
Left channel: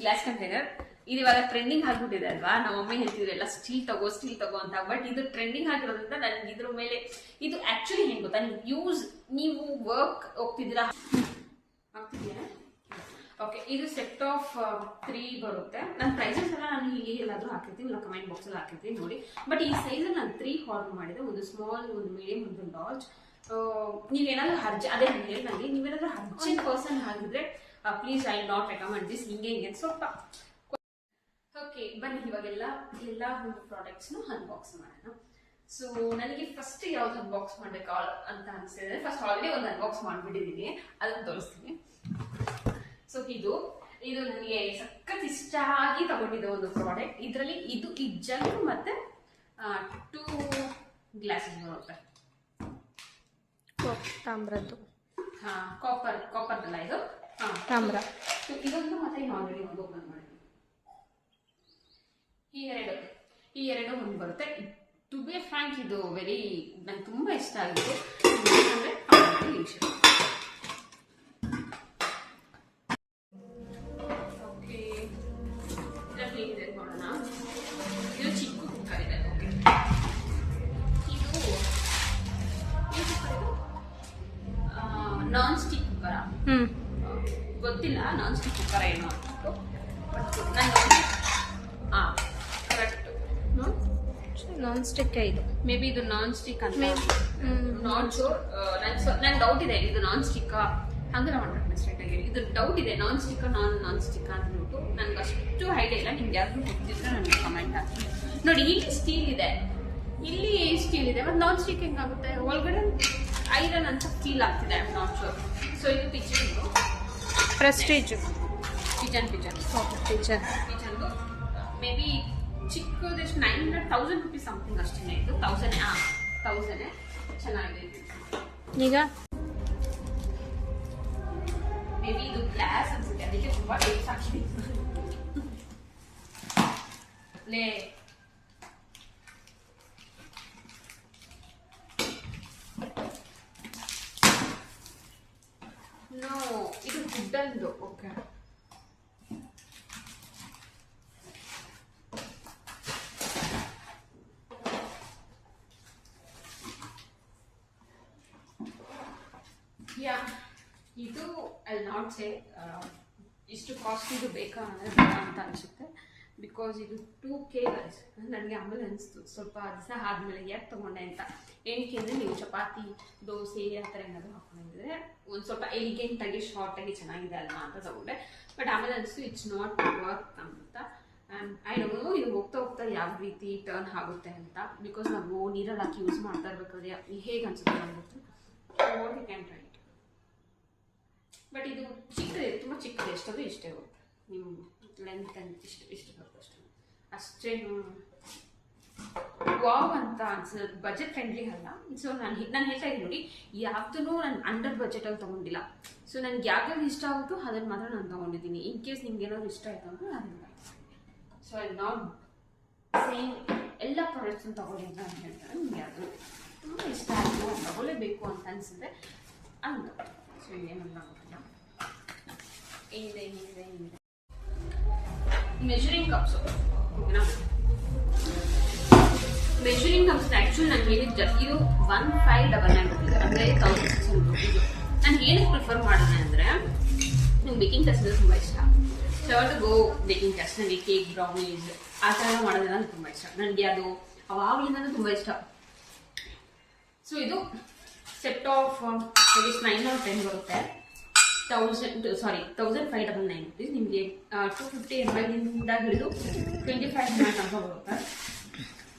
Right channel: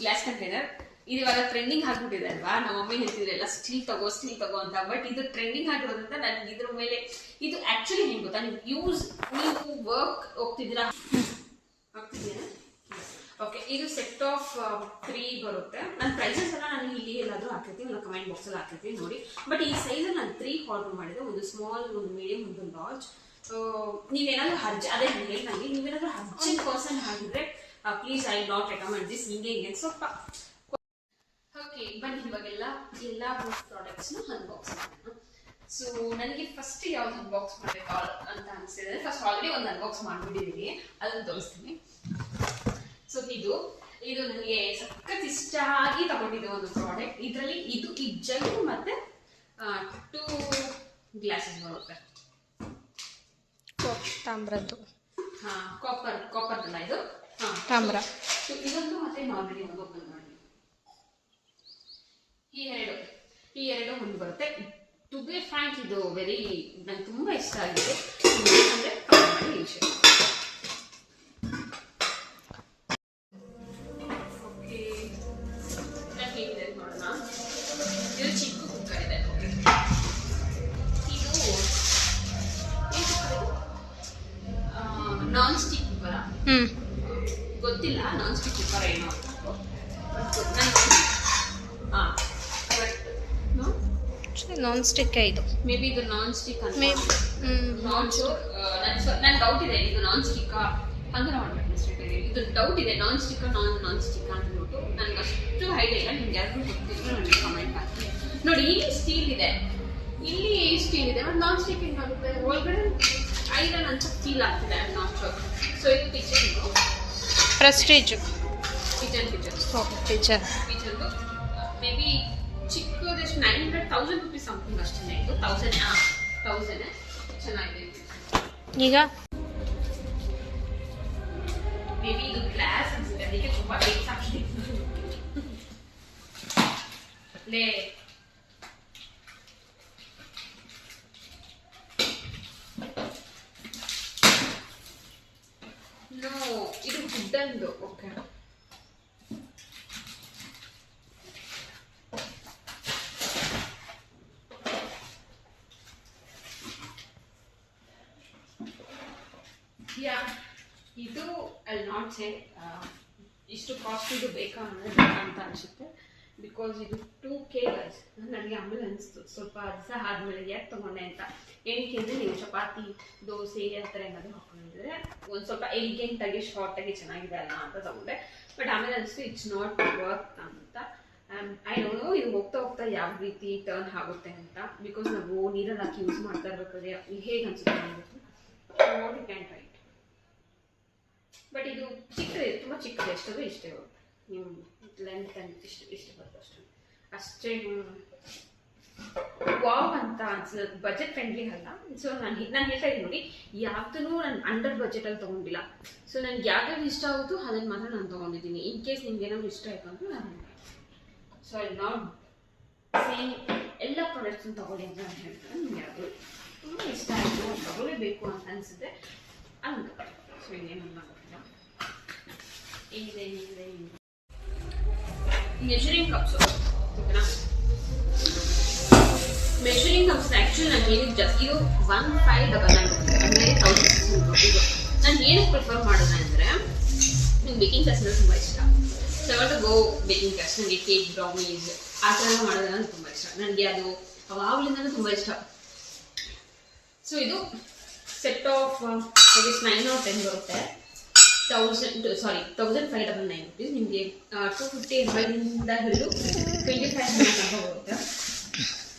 ಗ್ಲಾಸ್ ಕಂಟೈನರ್. ಇದು ಇವಾಗ ಟ್ರೆಂಡಿಂಗ್ ಆಗಿಬಿಟ್ಟಿದೆ ಅಲ್ವಾ. ನಮ್ಮ ಮಮ್ಮಿ ಹೇಳ್ತಿದ್ರು ಎಲ್ಲ ಸ್ಟೀಲ್ ತಗೋ ಅಂತ. ಬಟ್ ಇದು ಟ್ರೆಂಡಿಂಗ್ ಆಗಿರೋದ್ರಿಂದ ನನಗೆ ಇದ್ರ ಮೇಲೆ ಇದು ಆ್ಯಕ್ಚುಲಿ ಏನು ಗೊತ್ತಾ, ನೀವು ವರ್ಕ್ ಹೋಗ್ತಿದ್ದೀರಾ ಆಗ್ತಿದ್ದೀರಾ. ಓಕೆ, ಇದು ಸೆಟ್ ಆಫ್ 3 ಬರುತ್ತೆ. ನನ್ನ ಪ್ರೈಸಸ್ ಎಲ್ಲ ನಾನು ಇಲ್ಲಿ ಎಲ್ಲಾದರೂ ಹಾಕಿರ್ತೀನಿ, ಇಲ್ಲ ಕಮೆಂಟ್ ಬಾಕ್ಸಲ್ಲಿ ಹಾಕಿರ್ತೀನಿ ನೋಡಿ. ಬಟ್ ಈ ಸೈಜಲ್ಲಿ ನಾನು 3 ಆರ್ಡರ್ ಮಾಡಿದೆ. ಒಂದು ಸ್ಮಾಲ್, ಒಂದು ಮೀಡಿಯಂ, ಒಂದು ಲಾರ್ಜ್. ನೀವೇನಾದರೂ ಅದೇ ನನಗೆ ನೀವೇನಾದರೂ ಪರ್ಸನ್ ಆಗಿದ್ರೆ please I not recommend this. ಹಿಂಗೆ ಸ್ವಲ್ಪ ಓಕೆ. ಓಕೆ, ಬನ್ನಿ ಇವಾಗೆಲ್ಲ ಪ್ರಾಡಕ್ಟ್ಸ್ನ ಅನ್ಬಾಕ್ಸ್ ಮಾಡೋಣ. ಸೊ ನನಗೆ ಫಸ್ಟ್ ಯಾವ್ದು ಅನ್ಬಾಕ್ಸ್ ಮಾಡಬೇಕು ಅಂತ ಅನಿಸ್ತಿದೆ. ಫಸ್ಟ್ ಆಲ್ರೆಡಿ ಒಂದು ಅನ್ಬಾಕ್ಸ್ ಮಾಡಿಬಿಟ್ಟಿದ್ದೀನಿ, ಅದನ್ನು ತೋರಿಸ್ತೀನಿ. ಸೊ ಇದು ನನಗೆ ಸಖತ್ ಇಷ್ಟ ಆಗಿ ತಗೊಂಡಿದ್ದೆ ಒಂದು ಪ್ರಾಡಕ್ಟ್. ಇದರಲ್ಲಿ ಈ ಜಗ್ ಮತ್ತೆ 2 ಗ್ಲಾಸಸ್ ಬರುತ್ತೆ. ತಾಮ್ರದ್ದು. ಕಾಪರ್ದಲ್ಲ ಇದು, ತಾಮ್ರ. ಇದೊಂದು ಮತ್ತೆ ಆಲ್ರೆಡಿ ಒಂದು ಓಪನ್ ಮಾಡಿ. ಈ ಎರಡು ಒಂದು ಬರುತ್ತೆ. ಟು ಬಿ ಫ್ರಾಂಕ್ ಇದು ನಂಗೆ ತುಂಬಾ ಇಷ್ಟ ಆಗಿದೆ. ಅಂದ್ರೆ ನೋಡೋಣ. ಇದು ಚಿಕ್ಕ ಕುಕ್ಕರ್ ಇದೆ. ಇದು ನಾನ್ ಸ್ಟಿಕ್ ಕುಕ್ಕರ, ಗೊತ್ತಿಲ್ಲ ನಾನ್ ಸ್ಟಿಕ್ ಕುಕ್ಕರ್ ಏನು. ನಾನ್ ಸ್ಟಿಕ್ ಇದು. ಮೇ ಬಿ ಇದು ನಾನ್ ಸ್ಟಿಕ್ ಅಂತ, ನಾನ್ ಶೋರ್. ನನ್ ಡೌಟ್ ಇದೆ ಇದು ನಾನ್ ಸ್ಟಿಕ್ ಹಂಗೆ ಮಾಡ್ಬೇಕು. ಇದು ಡೌಟ್ ಇದೆ, ನಾನ್ ಸ್ಟಿಕ್ ನಾನ್ ಸ್ಟಿಕ್ ಅಂದ್ಬಿಟ್ಟು ನನ್ಗೆ ಅಷ್ಟು ಐಡಿಯಾ ಇಲ್ಲ. ನಿಮ್ಗೆ ಯಾರು ಗೊತ್ತಿದ್ರೆ ನನಗೆ ಕಮೆಂಟ್ ಹಾಕಿ. ನೋಡಿ, ಇಲ್ಲಿ ಸ್ಟೀಲ್ ಇದೆ, ಮತ್ತೆ ನಾನ್ ಸ್ಟಿಕ್ ಹೆಂಗಾಗುತ್ತೆ? ಒಳಗಡೆ ಐರನ್ ಅಂತ ಫೀಲ್ ಆಗ್ತಿದೆ. I am not sure. So ಇದು ಪ್ರೆಸ್ಟೀಜ್ ಕಿಚನ್ ಮೇ ಬಿ ಚಿಕ್ಕದಷ್ಟು 900,000 rupees ಸಮಥಿಂಗ್ ಅಷ್ಟೇ. ಇದು 1000 ಚೆನ್ನಾಗಿದೆ. ಈಗ ಮೇ ಬಿ ಇದು ಗ್ಲಾಸ್ ಅನ್ಸುತ್ತೆ, ಅದಕ್ಕೆ ತುಂಬಾ ಟೇಕ್ಸ್ ಆಗ್ತಿದೆ. ನೋ, ಇದು ವುಡನ್ದು. ಓಕೆ, ಇದು ಅಲ್ಲಿ ನಾಟ್ ಸೇ ಇಷ್ಟು ಕಾಸ್ಟ್ಲಿದು ಬೇಕಾ ಅಂತ ಅನಿಸುತ್ತೆ. ಬಿಕಾಸ್ ಇದು 2K ಗೈಸ್. ನನಗೆ ಆಮೇಲೆ ಅನಿಸ್ತು ಸ್ವಲ್ಪ ದಿವಸ ಆದಮೇಲೆ ಯಾಕೆ ತೊಗೊಂಡೆ ಅಂತ. ಏನಕ್ಕೆ ಅಂದರೆ ನೀವು ಚಪಾತಿ, ದೋಸೆ ಆ ಥರ ಏನಾದರೂ ಹಾಕೊಂಡಿದ್ರೆ ಒಂದು ಸ್ವಲ್ಪ ಎಲಿಗೆಂಟಾಗಿ ಶಾರ್ಟಾಗಿ ಚೆನ್ನಾಗಿದೆ ಅಲ್ಲ ಅಂತ ತಗೊಂಡೆ. ಬಟ್ ಆಮೇಲೆ ಅನಿಸ್ತು ಇಟ್ಸ್ ನಾಟ್ ವರ್ಕ್ ಅಂತ. ಐ ಡೋಂಟ್ ನೋ ಇದು ಹೋಗ್ತಾ ಯಾವ ರೀತಿ ಟರ್ನ್ ಆಗುತ್ತೆ ಅಂತ. ಬಿಕಾಸ್ ನಾವು ನೀರಲ್ಲಿ ಹಾಕಿ ಯೂಸ್ ಮಾಡ್ತಾ ಇರ್ಬೇಕಾದ್ರೆ ಹೇಗೆ ಅನಿಸುತ್ತೆ ಅಂದ್ಬಿಟ್ಟು what you can try. But ಇದು ಚಿಕ್ಕದೆ, ತುಂಬ ಚಿಕ್ಕದು, ಎಷ್ಟದು ಇಷ್ಟೇ ಬರುತ್ತೆ. ನೀವು ಲೆಂತ್ ಅಂತ ಇಷ್ಟು ಬರುತ್ತೆ ಅಷ್ಟೇ. ವಾವ್ ಅಂತ ಅನ್ಸಲ್ಲ, ಬಜೆಟ್ ಫ್ರೆಂಡ್ಲಿ ಅಲ್ಲ. ಸೊ ನಾನು ಹೇಳ್ತಾ ಇದ್ದೀನಿ ನೋಡಿ, ಯಾವುದೂ ನಾನು ಅಂಡರ್ ಬಜೆಟಲ್ಲಿ ತೊಗೊಂಡಿಲ್ಲ. ಸೊ ನನಗೆ ಯಾವ್ಯಾವ್ದು ಇಷ್ಟ ಆಗುತ್ತೋ ಅದನ್ನು ಮಾತ್ರ ನಾನು ತೊಗೊಂಡಿದ್ದೀನಿ. ಇನ್ ಕೇಸ್ ನಿಮ್ಗೆ ಏನಾದ್ರು ಇಷ್ಟ ಆಯಿತು ಅಂದರೆ ಅದನ್ನು. ಸೊ ಐ ನಾಟ್ ಸೇಮ್ ಎಲ್ಲ ಪ್ರಾಡಕ್ಟ್ಸನ್ನು ತೊಗೊಳ್ಳಿ ಅಂತ ನಾನು ಹೇಳ್ತಾರೆ. ನಿಮ್ಗೆ ಯಾವುದು ತುಂಬ ಇಷ್ಟ ಆಯಿತು, ತೊಗೊಳ್ಳೇಬೇಕು ಅಂತ ಅನಿಸಿದ್ರೆ ಅಂತ. ಸೊ ಇನ್ನೇನಲ್ಲ ಗೊತ್ತಿಲ್ಲ. ಏನಿದೆ ಮೆಜರಿಂಗ್ ಕಪ್ಸು. ಓಕೆನಾ, ಮೆಜರಿಂಗ್ ಕಪ್ಸ್ ಆ್ಯಕ್ಚುಲಿ ನಾನು ಏನಿದ್ದು ಇದು 1599 ಅಂದರೆ 1600 rupees. ನಾನು ಏನಕ್ಕೆ ಪ್ರಿಫರ್ ಮಾಡೋಣ ಅಂದರೆ, ನಂಗೆ ಬೇಕಿಂಗ್ ಕ್ಲಾಸ್ ಅಂದರೆ ತುಂಬ ಇಷ್ಟ. So to go baking class. ನನಗೆ ಕೇಕ್, ಬ್ರೌನೀಸ್ ಆ ಥರ ಮಾಡೋದನ್ನ ನನಗೆ ತುಂಬ ಇಷ್ಟ. ನನಗೆ ಅದು ಅವಾಗಲಿಂದಲೂ ತುಂಬ ಇಷ್ಟ. ಸೊ ಇದು ಸೆಟ್ ಆಫ್ 9 or 10 ಬರುತ್ತೆ. 1599 rupees. ನಿಮಗೆ 250 ml ಇಂದ ಹಿಡಿದು 25 ml ತನಕ ಬರುತ್ತೆ.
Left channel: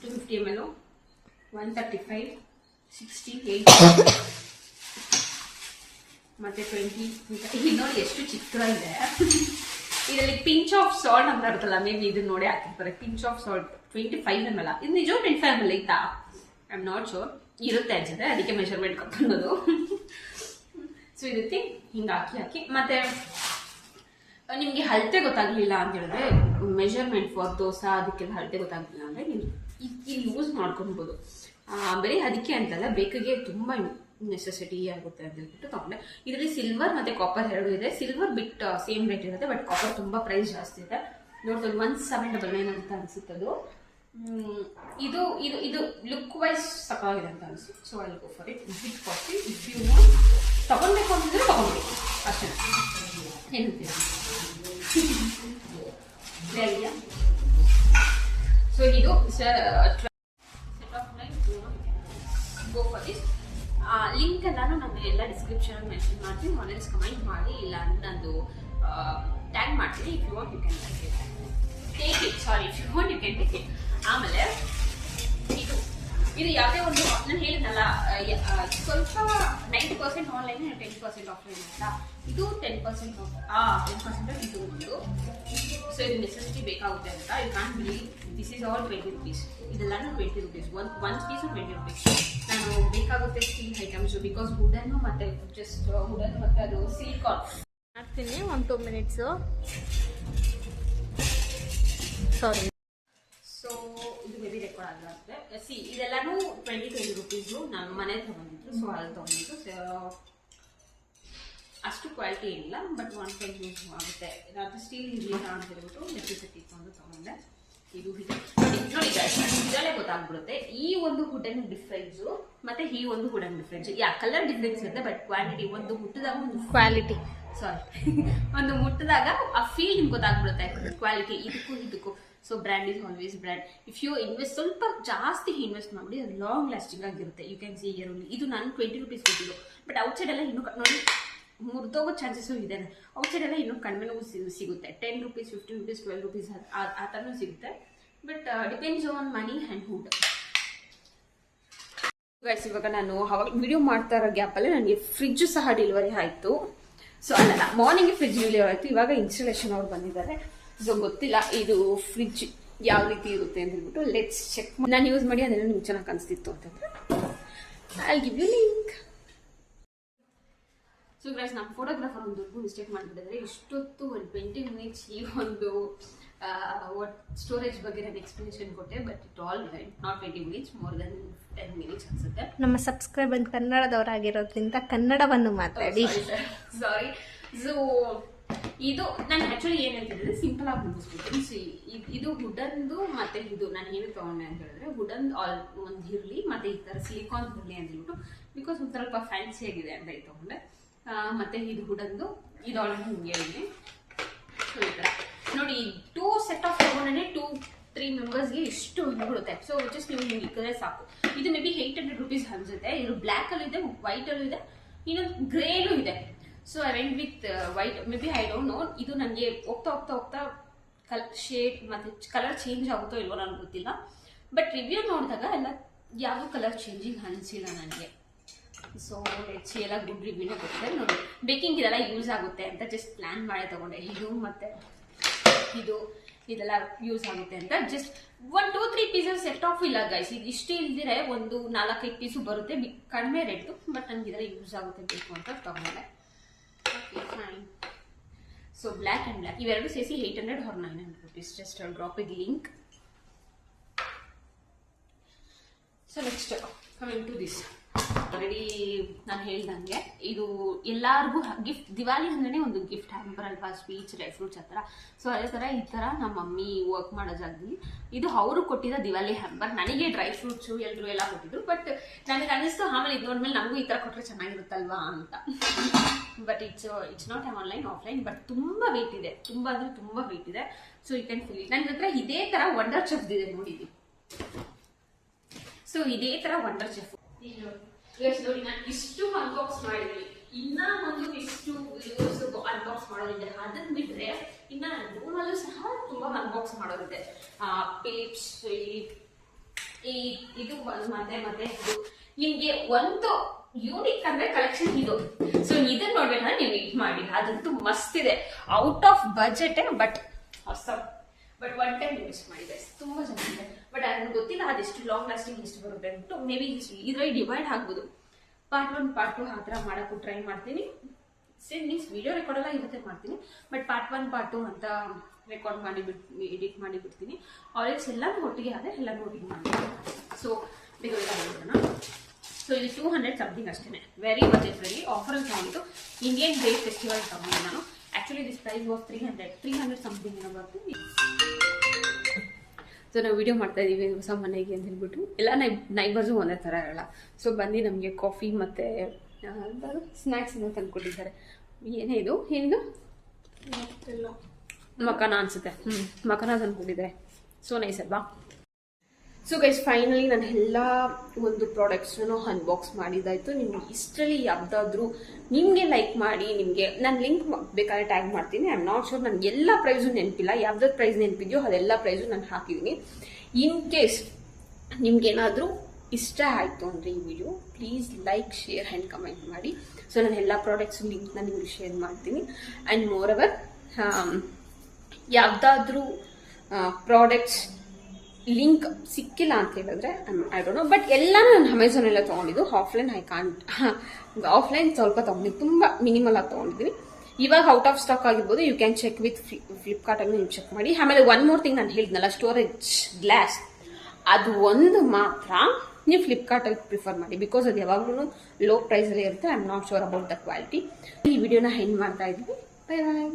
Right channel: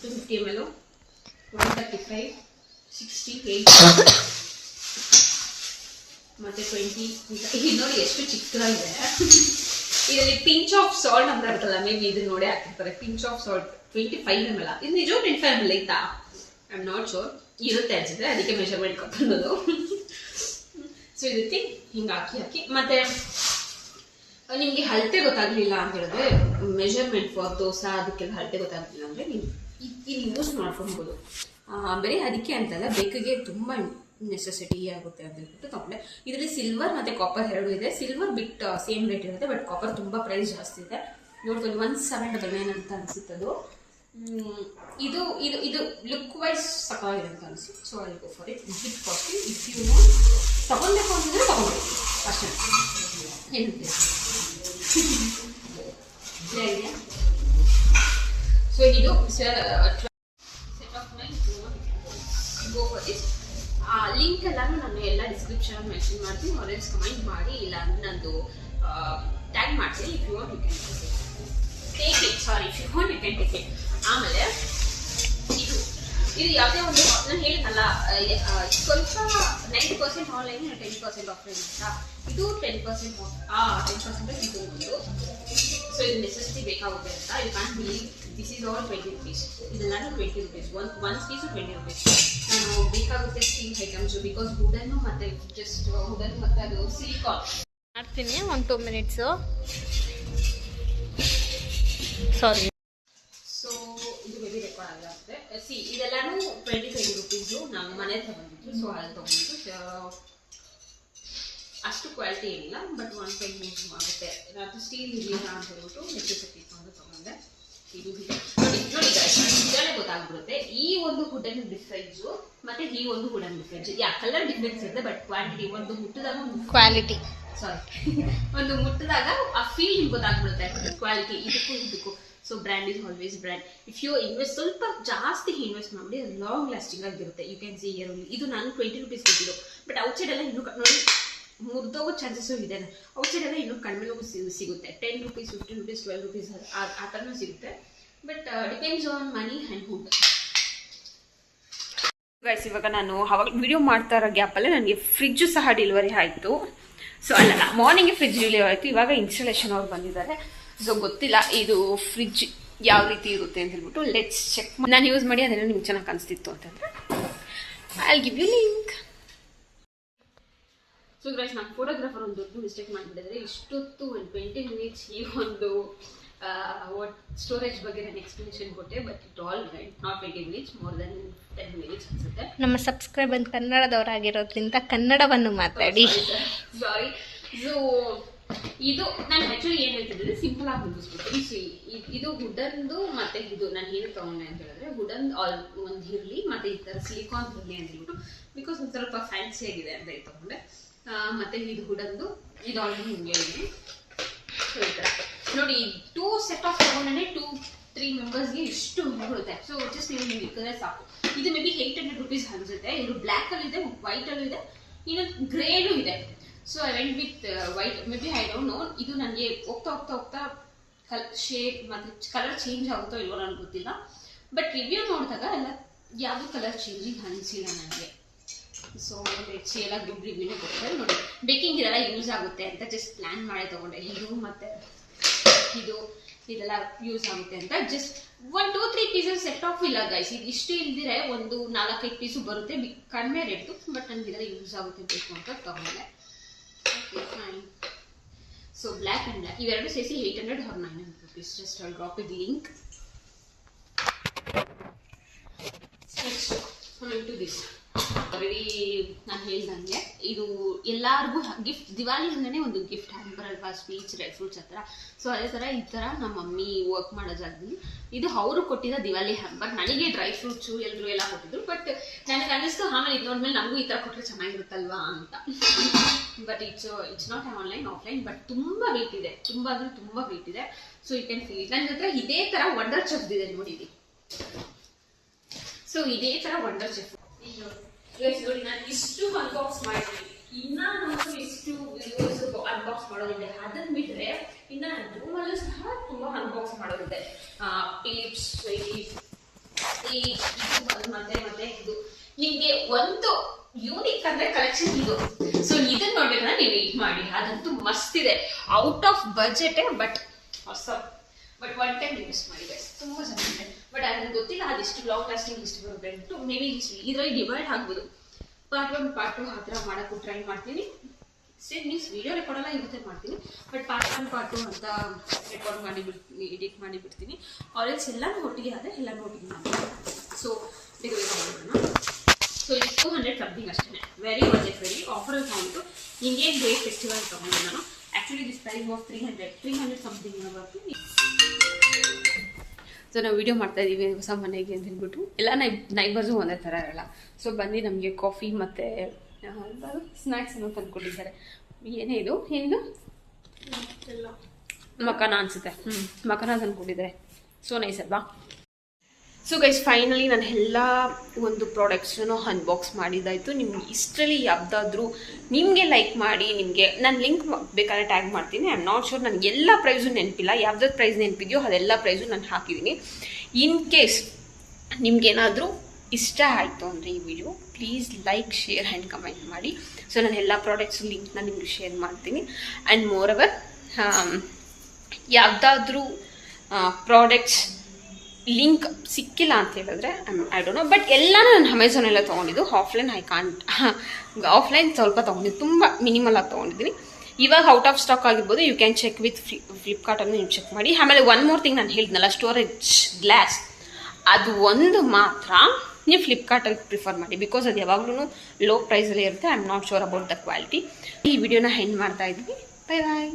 250 ml 135, 60, 80 ಮತ್ತೆ 20. ಇದು ನೋಡಿ ಎಷ್ಟು ಚಿಕ್ಕದಾಗಿದೆ. ಇದರಲ್ಲಿ ಪಿಂಚ್ ಆಫ್ ಸಾಲ್ಟ್ ಅಂತ ಇರುತ್ತಲ್ಲ, ಮೇ ಬಿ ಇದನ್ನ ನೋಡಿ ಹಾಕಿರ್ತಾರೆ. Pinch off salt 25 ml. ಇದು ನಿಜ 25 ml ಇತ್ತಾ? I am not sure. ಇರುತ್ತೆ ಅನ್ಸುತ್ತೆ, ಅದಕ್ಕೆ ಮೆಷರ್ಮೆಂಟ್ ಕೊಟ್ಟಂಬುದು. ಸೊ ಇದಕ್ಕೆ ಹಿಂಗೆ ಹಾಕಿ ಮತ್ತೆ ನಿಮಗೆ ಅಳತೆ ಗೊತ್ತಾಗಲಿಲ್ಲ ಅಂತ ಹೇಳಿದ್ರೆ, ಮೆಷರ್ಮೆಂಟ್ ಫಾರ್ ದೋಸೆ ಅದಕ್ಕೆಲ್ಲ ಅಳತೆ ಗೊತ್ತಾಗಲಿಲ್ಲ ಅಂದರೆ ನೀವು ಇಲ್ಲಿ ಯೂಸ್ ಮಾಡ್ಕೊಬೋದು. ಬರೀ ಅದಕ್ಕೆ ಅಂತಲ್ಲ, ಬೇಕಿಗೆ ತುಂಬ ನೆಸೆಸಿಟಿ ಆಗುತ್ತೆ ಅಂತ ಹೇಳ್ಬಿಟ್ಟು ತೊಗೊಂಡೆ. ಇದರಲ್ಲಿ ಸಿಲ್ವರ್ ಮತ್ತು ಕಾಪರ್ ಎರಡು ಇದೆ. ಸಿಲ್ವರ್ ಬಿಟ್ ಸೇಮ್ ರೇಟ್ ಇರುತ್ತೆ, ಬಟ್ ಕಾಪರ್ ತುಂಬ ಪ್ರೈಸ್ ಜಾಸ್ತಿ ಇದೆ. ನೋಡ್ಕೊಂಡು 1799 ಅಂತ ಅನಿಸುತ್ತದು. ಇದು ಇದು ಇದು ಲುಕ್ ವೈಸ್ ಸಕಾಗಿದೆ ಅಂತ ಅನಿಸ್ತು. So I go for it. Bit costly. If you want ತಗೊಳ್ಬೇಕು ಅಂತಿದ್ರೆ ತಗೊಂಡ್ರಿ ಅಷ್ಟೇ. ಏನಂತೀರಾ? ಸೊ ಇದು set of my go for this. Link ಎಲ್ಲಾನು ನಾನು ಎಲ್ಲ ಡಿಸ್ಕ್ರಿಪ್ಷನ್ ಮೆನ್ಷನ್ ಮಾಡ್ತೀನಿ. ಆರೆಂಜ್ ಕಮೆಂಟ್ ಮಾಡಿ, ಇಲ್ಲ ನಂದು ಟ್ಯಾಗ್ ಮಾಡ್ತೀನಿ. If you want you can. Take it, sorry if you want you can take it. ಆಮೇಲೆ ಇದು ಯಾವುದೇ ಒಂದು ನಾನು ಹೇಳಿದ್ನಲ್ಲ, ಸ್ವಲ್ಪ 90% ಆನ್ಲೈನ್ 10% ಆಫ್ಲೈನ್ ಅಂತ. ಇದು 10% ಆಫ್ 10% ಇದು ಒಂದು. ಸೊ ಇದು ನೆಸೆಸಿಟಿ ಬೇಕಾಗುತ್ತೆ ಅಂತ. You can believe this is all 20 rupees. ಇದೆಲ್ಲಾನು 20 rupees. One piece 20 rupees. ನಾನು ಬೇಕಾಗುತ್ತೆ ಸ್ಟೀಲ್ ಐಟಮ್ಸು, ಬಿಕಾಸ್ ವುಡನ್ನು ಮತ್ತು ಜಸ್ಟ್ ವುಡನ್ನು ಮತ್ತು ಅದು ಸಿಲಿಕಾನ್ ಮಾಡ್ತೀನಿ. 1-2 ಮಿನಿಟ್ಸು. ಸಾರಿ. ಸೊ ಇದು ಬೇಬಿ ರೆಕಾರ್ಡ್ ಆಗಿರುತ್ತೆ. ಸಿ ಇದೆಲ್ಲಾನು 20 rupees. ನಾನು ಮನೆ ಹತ್ರ ಬಂದಿದ್ದು, ಸೊ ಅಲ್ಲಿ ತೊಗೊಂಡಿದ್ದು. ಅಷ್ಟು ಕ್ವಾಲಿಟಿ ಏನಿಲ್ಲ, ಬಟ್ ಒನ್ ಟೈಮ್ ಯೂಸ್ ಆಗುತ್ತೆ. ಅದು ಸ್ಟೀಲ್ ಇರಲಿಲ್ಲ ಅಂತ ಹೇಳ್ಬಿಟ್ಟು ನೆಸೆಸಿಟಿ ಇಟ್ಕೊಂಡು ತೊಗೊಂಡೆ. ಇದು ನೋಡಿ ಇದರಲ್ಲೇ ಗೊತ್ತಾಗ್ಬಿಡುತ್ತೆ ಈ ಒಂದು ವುಡನ್ ಡಿಫ್ರೆನ್ಸು ಮತ್ತೆ ಈ ಒಂದು ವುಡನ್ ಡಿಫ್ರೆನ್ಸ್. ಕಲರ್ ಡಿಫ್ರೆನ್ಸ್ ಇರುತ್ತೆ, ಬಟ್ ಕ್ವಾಂಟಿಟಿ ಒಂದು ಮುಟ್ಟಿದಾಗ ಕ್ವಾಲಿಟಿ ಒಂದು ಮುಟ್ಟಿದಾಗ ಆ ಫೀಲ್ ನಿಮ್ಗೆ ಗೊತ್ತಾಗ್ಬಿಡುತ್ತೆ ಕ್ವಾಲಿಟಿ ಇದಕ್ಕೂ. So brand is always brand. If you invest ಸ್ವಲ್ಪ ಜಾಸ್ತಿ ಇನ್ವೆಸ್ಟ್ ಮಾಡಿ ಅದು ಲಾಂಗ್ ಲಾಸ್ಟಿಂಗ್ ಆಗಿರುತ್ತೆ. You can see here only. ಇದು ನಾನು 20 rupees ಕೊಟ್ಟಿದ್ದು, ಬಟ್ ಔಟ್ಸೈಡ್ ಎಲ್ಲ ಇನ್ನೂ ನೋಡಿ ಮುರಿದೋಗೋ ಚಾನ್ಸಸ್ಸು ಇದೆ. ಔಟ್ಸೈಡ್ ಎಲ್ಲ ಇನ್ನೂ ಕಡಿಮೆನೂ ಸಿಗುತ್ತೆ. 10 rupees, 15 rupees, 12 rupees ಆ ಥರನೂ ಸಿಗುತ್ತೆ. But depends on money and hood. Guys, ಇವಾಗ ನಾನು ಅವಾಗ ವಿಡಿಯೋ ಮಾಡ್ತಾ ಇರೋ ಗ್ಯಾಪಲ್ಲೇ ನನಗೆ ಫ್ರಿಜ್ಜು ಸಹ ಡೆಲಿವರಿ ಆಯಿತು. ಸೊ ಅಲ್ಲ, ಮಾರ್ನಿಂಗ್ ಫ್ರಿಜ್ ಡೆಲಿವರಿ ಆಯಿತು. ಇವಾಗ ಇನ್ಸ್ಟಾಲೇಷನ್ ಅವ್ರು ಬಂದಿದ್ದಾರೆ. ಸೊ ಗೊತ್ತಿಲ್ಲ ಇದು ಫ್ರಿಜ್ ಯಾವ ರೀತಿ ಇರುತ್ತೆ ಅಂತ ಹೇಳ್ಬಿಟ್ಟು ಲೆಟ್ಸ್ ಚೆಕ್. ನಾನು ಯೂಸ್ ಮಾಡಿ ಅದೆಲ್ಲ ನಿಮ್ಗೆ ಚೆನ್ನಾಗಿ ಅನಿಸ್ತಿತ್ತು ಅಂತಂದರೆ I give you link. So guys, ನಾನು ಫೋಟೋಗ್ರಾಫರ್ ಒಂದು ದೊಡ್ಡ ಮಿಸ್ಟೇಕ್ ಮಾಡಿಬಿಟ್ಟಿದ್ರೆ ಇಷ್ಟೊತ್ತು ಒಂದು 20 minutes ಈ ಒಂದು ಸ್ಟೋರೇಜ್ ಬಗ್ಗೆ ನಾನು ಎಕ್ಸ್ಪ್ಲನೇಷನ್ ಕೊಟ್ಟೆ. But it all right, not 20 minutes, more than 10 minutes ಅನ್ಸುತ್ತೆ. ನಮ್ಮ ಸಬ್ಸ್ಕ್ರೈಬರ್ ಕನ್ನಡದವರಾಗಿರೋದ್ರಿಂದ ಕನ್ನಡವನ್ನು ಮಾತಾಡಿ. ಸಾರಿ. ಸೊ ಇದು ನಾನು ಆ್ಯಕ್ಚುಲಿ ಏನು ಹೇಳ್ತಿದ್ದೆ, ಸಿಂಪಲ್ ಆಗಿ ಮುಗಿಸ್ಬಿಟ್ಟು. ಇದು ವುಡನ್ದು ಮತ್ತೆ ಇದು ನಾನು ಏನು ತೊಗೊಂಡೆ ಅಂತ ಹೇಳಿದ್ರೆ, ವುಡನ್ ಒಂದು ಇರಲಿ ಮತ್ತು ಈ ಥರ ಸಿಲಿಕಾನ್ ಇರಲಿ ಅಂತ ಹೇಳ್ಬಿಟ್ಟು, ಬಿಕಾಸ್ ಒಂದು ಸ್ವಲ್ಪ ಫ್ಯಾನ್ಸಿ ಆಗಿದೆ ಅಂತ ಇದು ತೊಗೊಂಡೆ. ಮತ್ತು ಇದು ವುಡನ್ದು ಇದು ಆಲ್ರೆಡಿ ಹಿಂಗೆ ಇದೆ. ಸೊ ಈ ಥರ ನೋಡಿ, 2 set ಆಫ್ ತೊಗೊಂಡ್ರೆ 2-3 ಮೆಂಬರ್ಸ್ಗೆ ಇಷ್ಟು ಬಿಡುತ್ತೆ. ಸೊ ಜಸ್ಟ್ ನೀವು ಹಿಂಗೆ ಇಕ್ಕದ್ರೆ ಸಾಕು. ಇದು ಮೇ ಬಿ 800 rupees ಅನ್ಸುತ್ತೆ. ಇದು ಬ್ಲ್ಯಾಕಲ್ಲೂ ಇದೆ, ವೈಟಲ್ಲೂ ಇದೆ, ಇನ್ನೊಂದು ಗ್ರೇನೂ ಇದೆ. So I went with white. May be I don't know, ಇದು ನನಗೆ ಹೋಗ್ತಾ ಶೇಡ್ ಮತ್ತು ಕಲರ್ ಚೇಂಜ್ ಆಗುತ್ತೋ ಇಲ್ವೋ ನನಗೆ ಗೊತ್ತಿಲ್ಲ. ಬಟ್ ರಿವ್ಯೂ ನೋಡಿದಾಗ ಎಲ್ಲ ಯಾವುದೂ ಕಲರ್ ಚೇಂಜಿಂಗ್ ಅನಿಸಿಲ್ಲ ನನಗೆ. ಸೊ ಲೆಟ್ಸ್ ಎಲ್ಲ ಗುಡ್ ರಿವ್ಯೂನೇ ಕೊಟ್ಟರೆ ನೋಡಿ. ಬೇಕಿಂಗ್ ಇದೆಲ್ಲ ಯೂಸ್ ಆಗುತ್ತೆ ಅಂತ ಜಸ್ಟ್ ಪ್ಲ್ಯಾನ್ ಮಾಡಿ ತೊಗೊಂಡೆ. ಇದು ಮತ್ತು ಇದೆಲ್ಲ ಯೂಸ್ ಆಗುತ್ತೆ ಅಂತ ಜಸ್ಟ್ 1-2-3 pieces ಸೆಟ್ ಆಫ್ ಇಲ್ಲ ಗೈಸ್. ಇದು ಇಷ್ಟು ಇಲ್ದಿರೆ ಒಂದು 4-5 ಪೀಸು ಬರುತ್ತೆ, ಕಡಿಮೆ ರೇಟು. ಬಟ್ ನನಗೆ ಇದೆಲ್ಲ ಯೂಸ್ ಆಗುತ್ತೆ ಬೇಕು ಅಂತ ತೊಗೊಂಡೆ. Okay fine. So black and black ಇವೆರಡು ಸೇರಿಸಿ 800 or 900 rupees. Just I drop it link. So next coming to this. Already ನಾನು ಹೇಳ್ದಂಗೆ ಇದು ಎಲ್ಲರಿಗೂ ಗಿಫ್ಟ್, ದಿವಾಲಿ ಅಂದ್ರೆ ಒಂದು ಗಿಫ್ಟ್ ಹ್ಯಾಂಪರ್ ಅಲ್ವಾ, ಸ್ವೀಟ್ಸ್, ಡ್ರೈ ಫ್ರೂಟ್ಸ್ ಆ ಥರ. ಸೊ ಅದೇ ಥರ ಈ ಥರ ನಮ್ಮ ಮಮ್ಮಿ ವರ್ಕ್ ಮಾಡೋ ಜಾಗದಲ್ಲಿ ಇದು ಅವರು ಕೊಟ್ಟಿದ್ದ ದಿವಾಲಿ ಹ್ಯಾಂಪರ್. ನನಗೆ ಡ್ರೈ ಫ್ರೂಟ್ಸು ಎಲ್ಲರೂ ಎಲ್ಲ ಕೊಟ್ಟಿದ್ರು. ಬಟ್ ನನಗೆ ಅನ್ನಿಸ್ತು ಆಮೇಲೆ ಇದು ನೋಡ್ಮೇಲೆ ನಮಗೂ ಈ ಥರ ಕೊಟ್ಟರೆ ಚೆನ್ನಾಗಿರುತ್ತಲ್ವಾ ಅಂತ. But it's not online, offline. But ತುಂಬ ವೆಯ್ಟ್ ಇದೆ, ತುಂಬ ಅಂದರೆ ತುಂಬ ವೆಯ್ಟ್ ಇದೆ. So you can feel it. ನನ್ನ ಹತ್ರ ಇದೇ ಥರ ವಂಡರ್ ಚೆಫ್ ಇದೆ ನೋಡಿದ್ದೀನಿ. ಸೊ ಇದೇ ಥರ ವಂಡರ್ ಚೆಫ್ ನೋಡಿ, ನಾನು ಇಷ್ಟು ಅನ್ಬಾಕ್ಸ್ ಮಾಡಿದ್ದೀನಿ. ಇನ್ನ ಒಂದು ಇಷ್ಟು ಅನ್ಬಾಕ್ಸ್ ಮಾಡೋದಿದೆ. ಅದನ್ನ ಬಿಟ್ಟರೆ ಇನ್ನು ರೂಮಲ್ಲೂ ಸಹ ತುಂಬ ಅನ್ಬಾಕ್ಸ್ ಮಾಡೋದಿದೆ. ಫಿಲಿಪ್ಸ್ ಇದು ಮತ್ತೆ ಇದು ನಿಮಗೆ ಒಂದು ಯೂನಿಕ್ ಅಂದ್ರೆ ಕಲೆಕ್ಷನ್ ಇದು. ಸೊ ಇದನ್ನ ನೋಡ್ಬೇಕಂದ್ರೆ ನೀವು ವೇಟ್ ಮಾಡಿ, ಅದಂತೂ ಮಸ್ತ್ ಇದೆ. Out of budget, but awesome. But one time invest ಮಾಡಿದೆ, ತುಂಬ ಚೆನ್ನಾಗಿದೆ. ಬಟ್ ನನಗೆ ಗೊತ್ತಿಲ್ಲ ಅದೆಷ್ಟು ಲಾಂಗ್ ಲಾಸ್ಟಿಂಗ್ ಎಷ್ಟು ಬರುತ್ತೆ ಅಂದ್ಬಿಟ್ಟು. ಮೇ ಬಿ ಇದರಲ್ಲಿ ಡಿವೈಡ್ ಆಗ್ಬೋದು. ಪಾರ್ಟ್ 1 ಪಾರ್ಟ್ 2 ಆ ಥರ ಮಾಡೋಕ್ಕೂ ಟ್ರೈ ಮಾಡ್ತೀನಿ. ಸೇಮ್ ಮೀನ್ಸ್ ವೀಡಿಯೋ ರೆಕಾರ್ಡ್ ಎಲ್ಲ ಇರುತ್ತೆ ಮಾಡ್ತೀನಿ. ಬಟ್ ಪಾರ್ಟ್ 1 ಪಾರ್ಟ್ 2 ಅಂತ ರೆಕಾರ್ಡ್ ಮಾಡಿಬಿಡ್ತೀನಿ, ಎಡಿಟ್ ಮಾಡಿಬಿಡ್ತೀನಿ. ಆಲ್ರೆಡಿ ಎಲ್ಲನೂ ಒಟ್ಟಿಗೆ ಆದರೆ ಎಲ್ಲನೂ ಒಟ್ಟಿಗೆ ಮಾಡ್ತೀನಿ. ಸೊ ಬೇಗ ಹೋಗೋಣ. ಸೊ ಇದು 200 ಸಮಥಿಂಗ್ ಅಷ್ಟೇ. ವೆರಿ ಬಜೆಟ್ ಆಫರಲ್ಲಿ ತಗೊಂಡು ಇಂಡಿಯನ್ ಗ್ರೇಟ್ ಫೆಸ್ಟಿವಲ್ ತಗೊಂಡು ನಾನು. Actually this price was 300 something ಬರ್ತೀನಿ. ಸೊ ನಾವು ವೀಡಿಯೋ ಮಾಡ್ತಾ ಇದ್ದೀವಿ ಹೊಸ ಮನೆಗೆ ಅಂತ ಹೇಳ್ಬಿಟ್ಟು. ಎಲ್ಲ ನೈಬರ್ಸು ಒಂದೇ ಥರ ಇರಲ್ಲ. ಸೊ ಬಂದು ನಮಗೆ ಕಾಫಿ ಮತ್ತು ಸ್ನ್ಯಾಕ್ಸ್ ಏನೋ ತಂದುಕೊಟ್ಟಿದ್ದಾರೆ. ಏನೇ ಇದು ಏನು ಮಕಾನ ಅನಿಸುತ್ತೆ. ಮಕಾನ ತಂದುಕೊಟ್ಟಿದ್ದಾರೆ. ಸೊ ನೈಸ್ ಅಲ್ವಾ. ಸೊ ಗೈಸ್ ಫೈನಲಿ ನಾನು ಎಲ್ಲ ಒಂದು ಪ್ರಾಡಕ್ಟ್ಸನ್ನು ಅನ್ಬಾಕ್ಸ್ ಮಾಡಿದ್ದಾಯಿತು. ನಿಮ್ಗೆ ಇಷ್ಟರಲ್ಲಿ ಯಾವುದಾದ್ರೂ ನಿಮಗೆ ಲೈಕ್ ಮಾಡಿ, ನಿಮಗೆ ನಾನು ಲಿಂಕ್ ಬೇಕಾದ್ರೆ ಟ್ಯಾಗ್ ಮಾಡ್ತೀನಿ. ಐ ಆಮ್ ನಾಟ್ ಶೋರ್, ನನಗೆ ಎಲ್ಲ ಪ್ರೈಸು ನೆನಪಿಲ್ಲ. ಯಾವ್ದಾದ್ರು ಪ್ರೈಸ್ ನೆನಪಿದೆಯೋ ಅದೆಲ್ಲ ಪ್ರೈಸು ನಾನು ಹಾಕಿದ್ದೀನಿ. ಇನ್ ಕೇಸ್ ನಿಮ್ಗೇನಾದರೂ ಇಷ್ಟ ಆಯಿತು ಅಂದರೆ ಈ video please like, share and comment ಮಾಡಿ. ಸೊ ನಾನು ಎಲ್ಲ ಪ್ರಾಡಕ್ಟ್ಸ್ ಲಿಂಕ್ನ ನಿಮಗೆ ಶೇರ್ ಮಾಡ್ತೀನಿ. ಆ್ಯಂಡ್ ಮೋರ್ ಓವರ್ ಯಾವುದಾದ್ರೂ ಪ್ರಾಡಕ್ಟ್ಸ್ ಲಿಂಕ್ ಸಿಕ್ಕಿಲ್ಲ ಅಂತ ಹೇಳಿದ್ರೆ ಐ ಡೋಂಟ್ ನೋ, ಬಟ್ ಎಲ್ಲನೂ ನಾನು ಅಮೆಝಾನೆಲ್ಲ ತೊಗೊಂಡಿದ್ದು. ಆಫ್ಲೈನ್ ಸ್ವಲ್ಪ ತೊಗೊಂಡಿದ್ದು, ತುಂಬ ಮಿನಿಮಲ್ ಆಗಿ ತೊಗೊಂಡಿದ್ದೀನಿ. ಇವಾಗ ಔಟ್ ಆಫ್ ಸ್ಟಾಕ್ ಆಗಿರ್ಬೋದು. ಯು ಕ್ಯಾನ್ ಚೆಕ್ ವಿತ್ ಫ್ಲಿಪ್ಕಾರ್ಟನ್ನು ನೀವು ಚೆಕ್ ಮಾಡಿ. ಆಮೇಲೆ ಒನ್ ಮೋರ್ ಥಿಂಗ್ ನಾನು ಹೇಳಿದ್ನಲ್ಲ, ಸ್ಟೋರೇಜ್ ಗ್ಲಾಸ್, ಅದು ಒಂದು ಮಾತ್ರ ನೀವು ಫ್ಲಿಪ್ಕಾರ್ಟಲ್ಲಿ ಪ್ರಿಫರ್ ಮಾಡಿ, ಬಿಕಾಸ್ ಅದು ಯಾವಾಗಲೂ ಲೋ ಪ್ರೈಸಲ್ಲೇ ಇರುತ್ತೆ. I am not sure about the quality. ಈ ವಿಡಿಯೋನ ಹೆಂಡ್ ಮಾಡ್ತಾ ಇದ್ವಿ. ಬೈ ಬಾಯ್.